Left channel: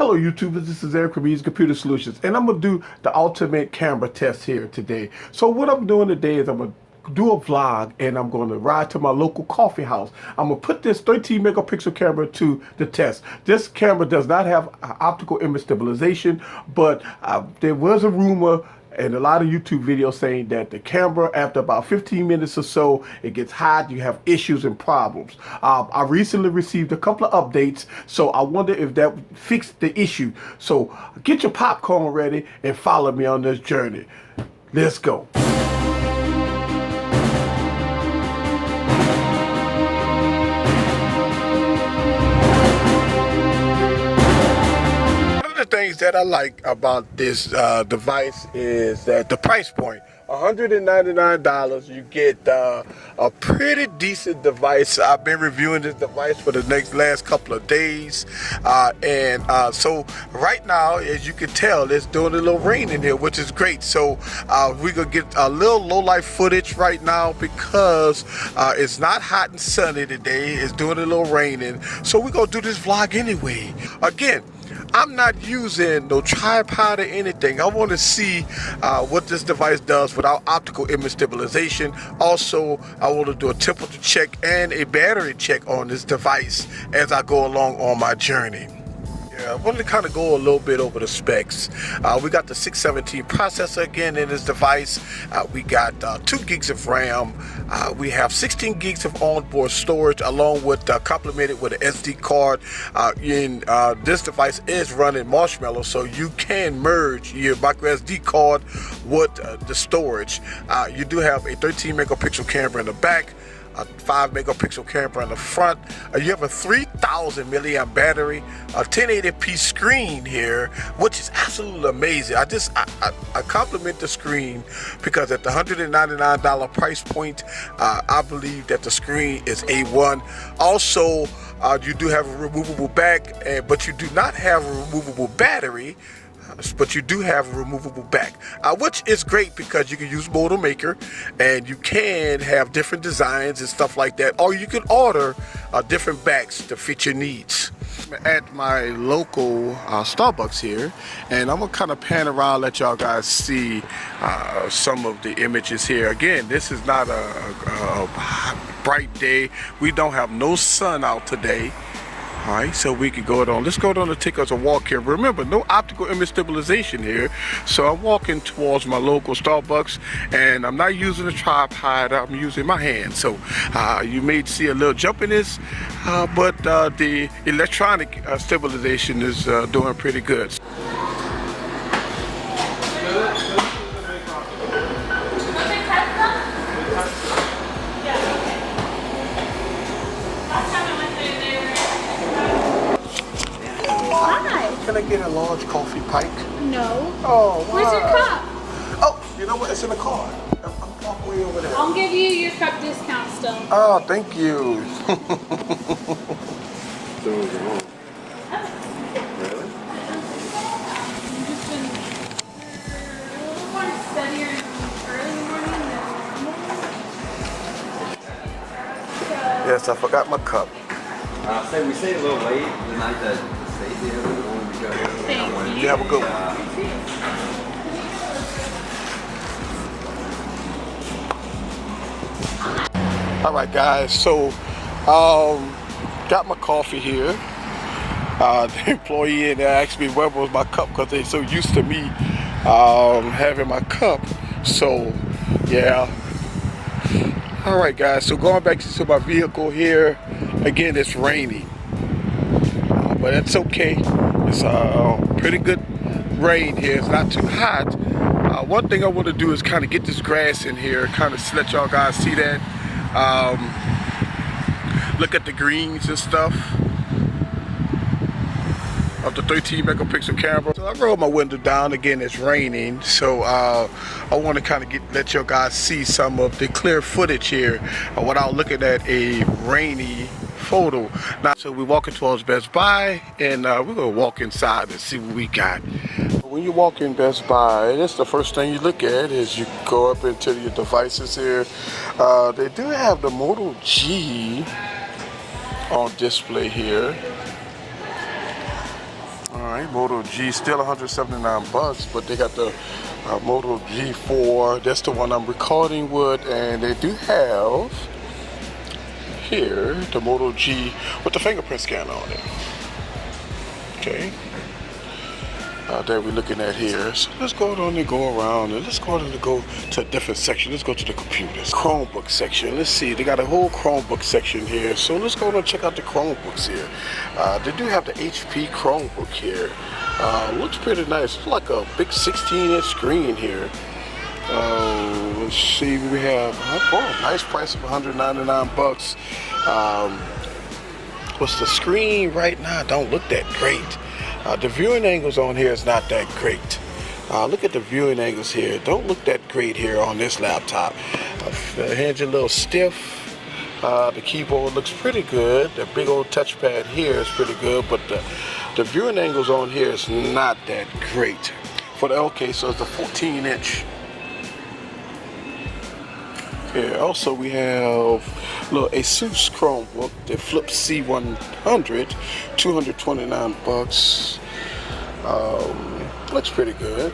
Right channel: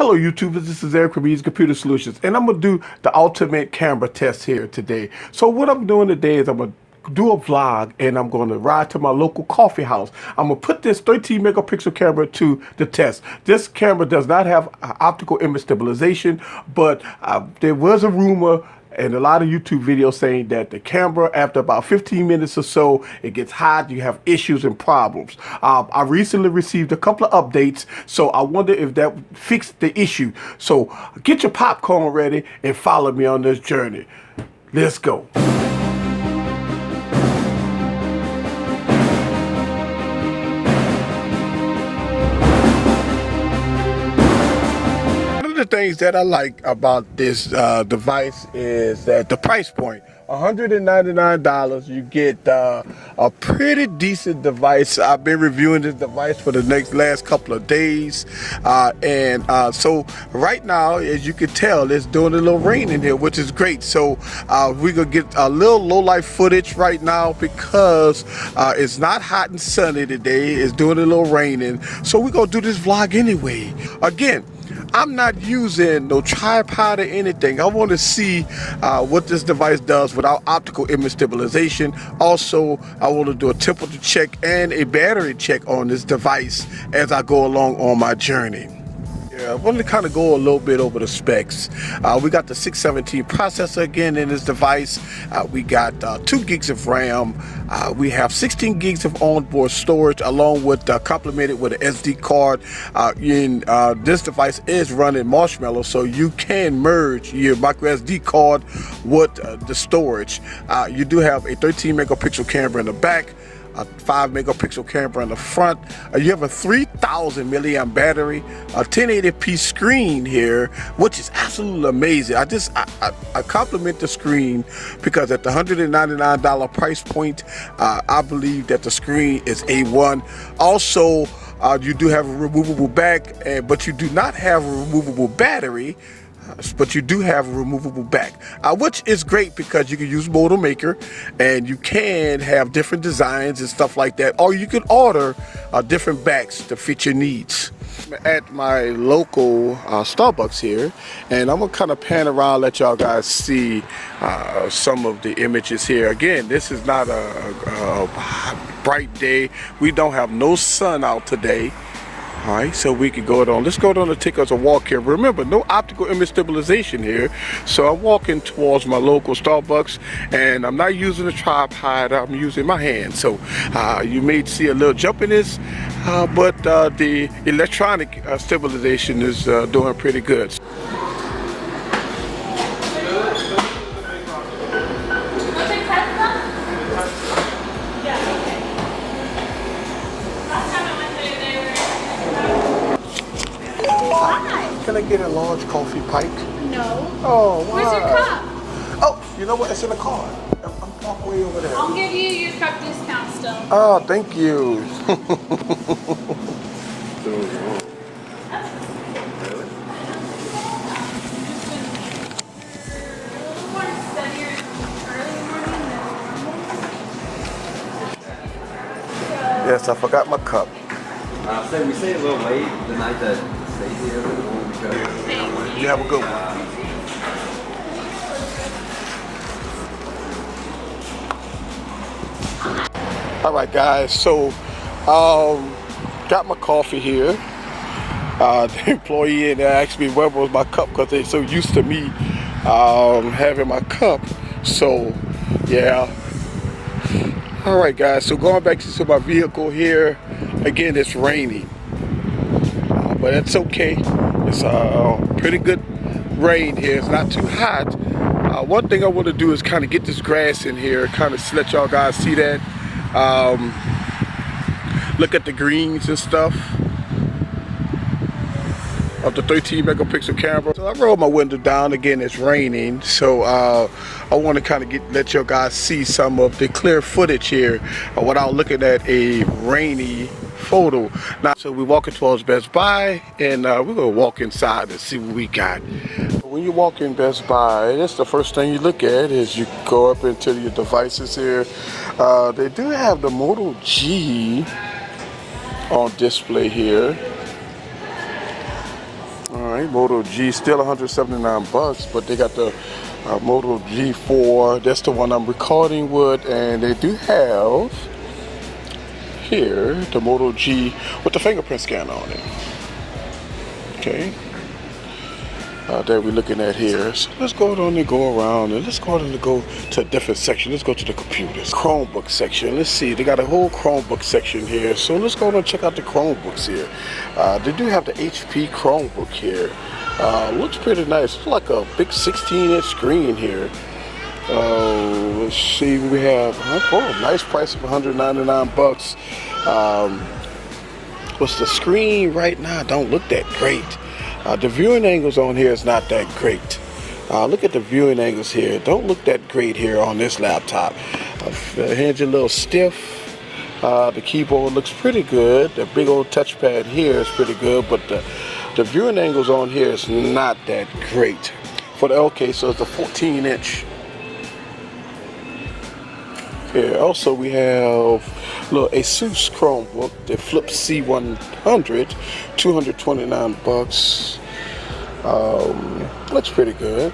Hello YouTubers, this is Eric from Eazy Computer Solutions, and I'm going to do the ultimate camera test here today. So what I'm doing today is I'm going to do a vlog, and I'm going to ride to my local coffee house. I'm going to put this 13 megapixel camera to the test. This camera does not have optical image stabilization, but there was a rumor and a lot of YouTube videos saying that the camera, after about 15 minutes or so, it gets hot, you have issues and problems. I recently received a couple of updates, so I wonder if that fixed the issue. So get your popcorn ready and follow me on this journey. Let's go. The things that I like about this device is that the price point, $199, you get a pretty decent device. I've been reviewing this device for the last couple of days, so right now, as you can tell, it's doing a little rain in here, which is great. So we're gonna get a little low light footage right now because it's not hot and sunny today. It's doing a little raining, so we're gonna do this vlog anyway. Again, I'm not using no tripod or anything. I want to see what this device does without optical image stabilization. Also, I want to do a temperature check and a battery check on this device as I go along on my journey. I want to kind of go a little bit over the specs. We got the 617 processor again in this device. We got 2 gigs of RAM. We have 16 gigs of onboard storage, along with complemented with an SD card. This device is running Marshmallow, so you can merge your microSD card with the storage. You do have a 13 megapixel camera in the back, a 5 megapixel camera in the front. You have a 3000 milliamp battery, a 1080p screen here, which is absolutely amazing. I compliment the screen because at the $199 price point, I believe that the screen is A1. Also, you do have a removable back, but you do not have a removable battery. But you do have a removable back, which is great because you can use Motor Maker and you can have different designs and stuff like that, or you can order different backs to fit your needs. At my local Starbucks here, and I'm gonna kind of pan around, let y'all guys see some of the images here. Again, this is not a bright day. We don't have no sun out today. All right, so we can go on. Let's go down and take us a walk here. Remember, no optical image stabilization here. So I'm walking towards my local Starbucks, and I'm not using a tripod. I'm using my hand. So you may see a little jumpiness, but the electronic stabilization is doing pretty good. Can I get a large coffee pipe? No. Oh, why? Where's your cup? Oh, you know what? It's in the car. I'm parked way over there. I'll give you your cup discount still. Oh, thank you. Yes, I forgot my cup. We stayed a little late the night that Stacey was. You have a good one. All right, guys. So, got my coffee here. The employee and they asked me where was my cup because they're so used to me having my cup. So, yeah. All right, guys. So going back to my vehicle here. Again, it's raining. But it's okay. It's pretty good rain here. It's not too hot. One thing I want to do is kind of get this grass in here, kind of let y'all guys see that. Look at the greens and stuff of the 13 megapixel camera. So I rolled my window down. Again, it's raining, so I want to kind of let you guys see some of the clear footage here without looking at a rainy photo. Now, so we're walking towards Best Buy, and we're gonna walk inside and see what we got. When you walk in Best Buy, that's the first thing you look at is you go up into your devices here. They do have the Moto G on display here. All right. point. Moto G still 179 bucks, but they got the Moto G4. That's the one I'm recording with, and they do have here the Moto G with the fingerprint scanner on it. Okay. That we're looking at here. So let's go on and go around, and let's go on and go to a different section. Let's go to the computers. Chromebook section. Let's see. They got a whole Chromebook section here. So let's go and check out the Chromebooks here. They do have the HP Chromebook here. Looks pretty nice. It's like a big 16-inch screen here. Let's see. We have nice price of 199 bucks. What's the screen right now? Don't look that great. The viewing angles on here is not that great. Look at the viewing angles here. Don't look that great here on this laptop. The hands are a little stiff. The keyboard looks pretty good. The big old touchpad here is pretty good, but the viewing angles on here is not that great. So it's a 14-inch. Here, also we have little Asus Chromebook, the Flip C100, 229 bucks. Looks pretty good.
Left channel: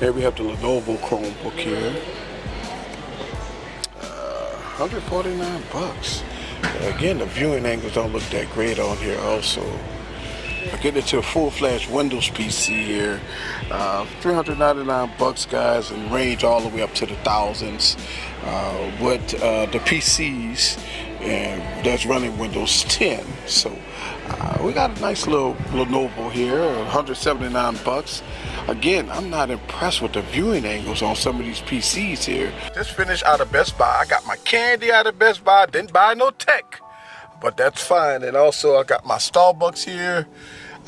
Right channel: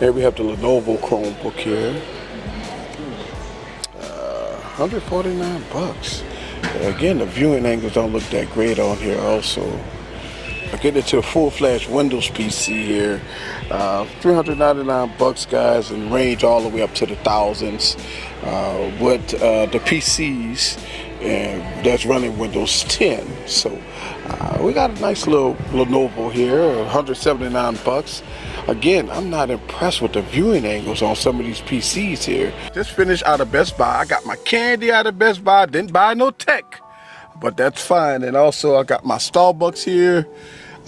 Here we have the Lenovo Chromebook here, 149 bucks. Again, the viewing angles don't look that great on here. Also, I get into a full-fledged Windows PC here. 399 bucks, guys, and range all the way up to the thousands with the PCs that's running Windows 10. So we got a nice little Lenovo here, 179 bucks. Again, I'm not impressed with the viewing angles on some of these PCs here. Just finished out of Best Buy. I got my candy out of Best Buy. Didn't buy no tech, but that's fine. And also I got my Starbucks here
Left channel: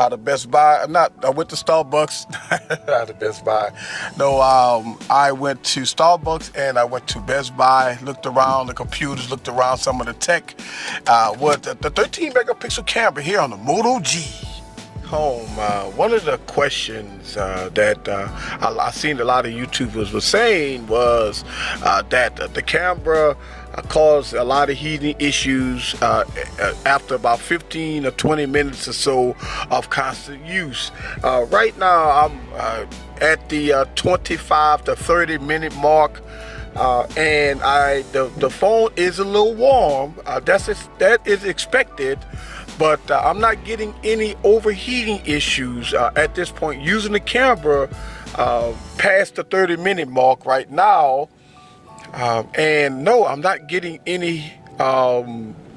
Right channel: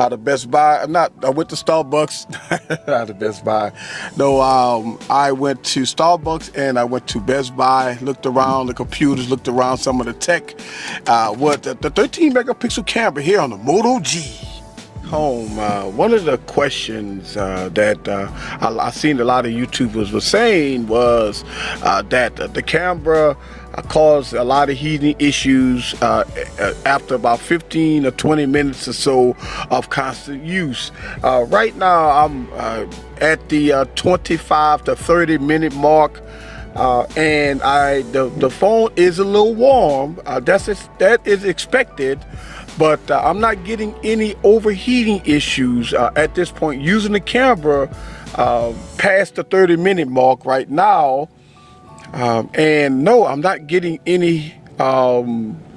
out of Best Buy. I went to Starbucks out of Best Buy. No, I went to Starbucks and I went to Best Buy, looked around the computers, looked around some of the tech. With the 13 megapixel camera here on the Moto G. Home. One of the questions that I seen a lot of YouTubers were saying was that the camera caused a lot of heating issues after about 15 or 20 minutes or so of constant use. Right now I'm at the 25 to 30 minute mark. And the phone is a little warm. That is expected, but I'm not getting any overheating issues at this point using the camera past the 30-minute mark right now. And no, I'm not getting any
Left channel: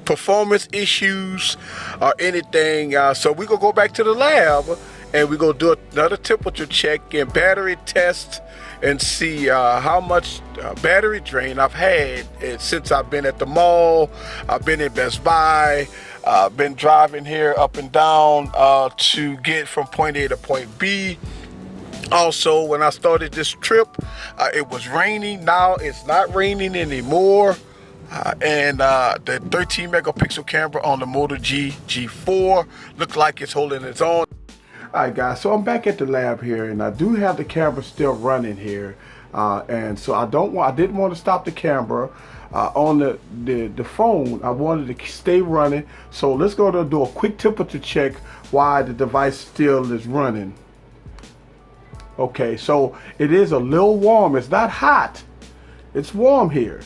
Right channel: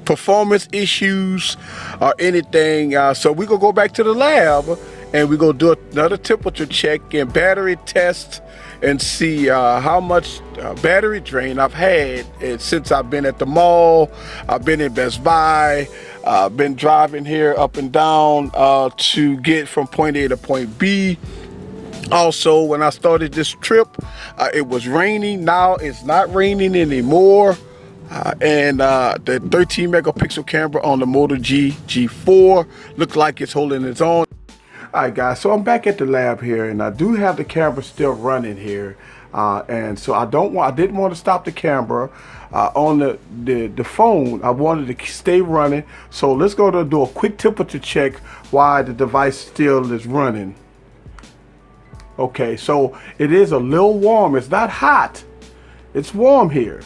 performance issues or anything. So we're gonna go back to the lab and we're gonna do another temperature check and battery test and see how much battery drain I've had since I've been at the mall. I've been in Best Buy. I've been driving here up and down to get from point A to point B. Also, when I started this trip, it was raining. Now it's not raining anymore. And the 13 megapixel camera on the Moto G4 looked like it's holding its own. Alright guys, so I'm back at the lab here, and I do have the camera still running here, and so I didn't want to stop the camera on the phone. I wanted to stay running. So let's go to do a quick temperature check while the device still is running. Okay, so it is a little warm. It's not hot. It's warm here.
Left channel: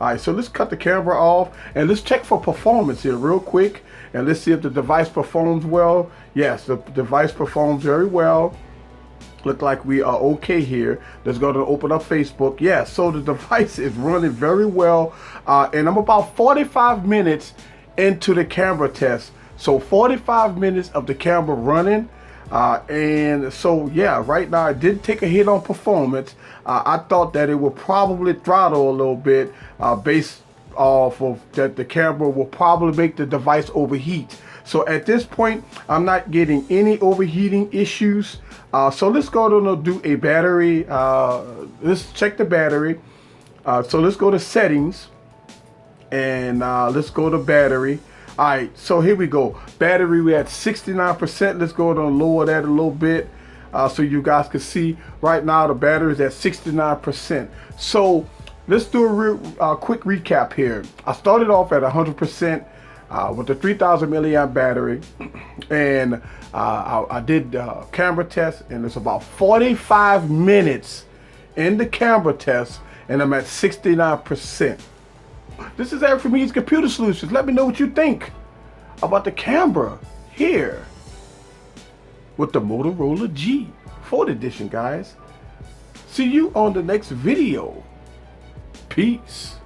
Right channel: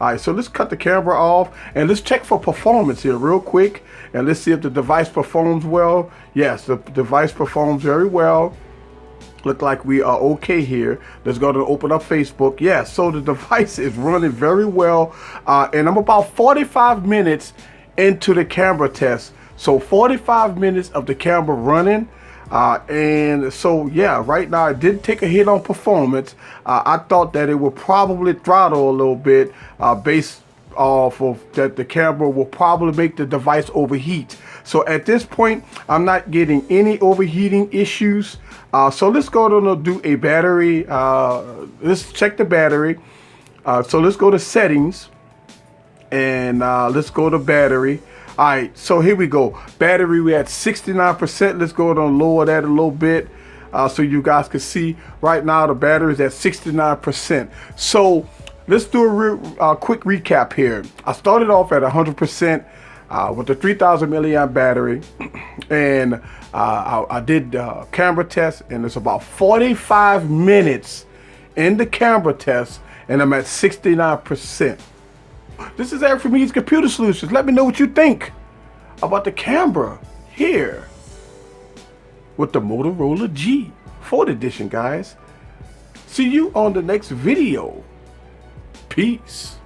Alright, so let's cut the camera off and let's check for performance here real quick, and let's see if the device performs well. Yes, the device performs very well. Look like we are okay here. Let's go to open up Facebook. Yes, so the device is running very well. And I'm about 45 minutes into the camera test. So 45 minutes of the camera running. And so, yeah, right now it did take a hit on performance. I thought that it would probably throttle a little bit based off of that the camera will probably make the device overheat. So at this point, I'm not getting any overheating issues. So let's go to do a battery. Let's check the battery. So let's go to settings and let's go to battery. All right, so here we go. Battery, we at 69%. Let's go and lower that a little bit so you guys can see. Right now, the battery is at 69%. So let's do a quick recap here. I started off at 100%. with the 3,000 milliamp battery, and I did camera test, and it's about 45 minutes in the camera test, and I'm at 69%. This is Eric from Eazy Computer Solutions. Let me know what you think about the camera here with the Motorola G4 edition, guys. See you on the next video. Peace.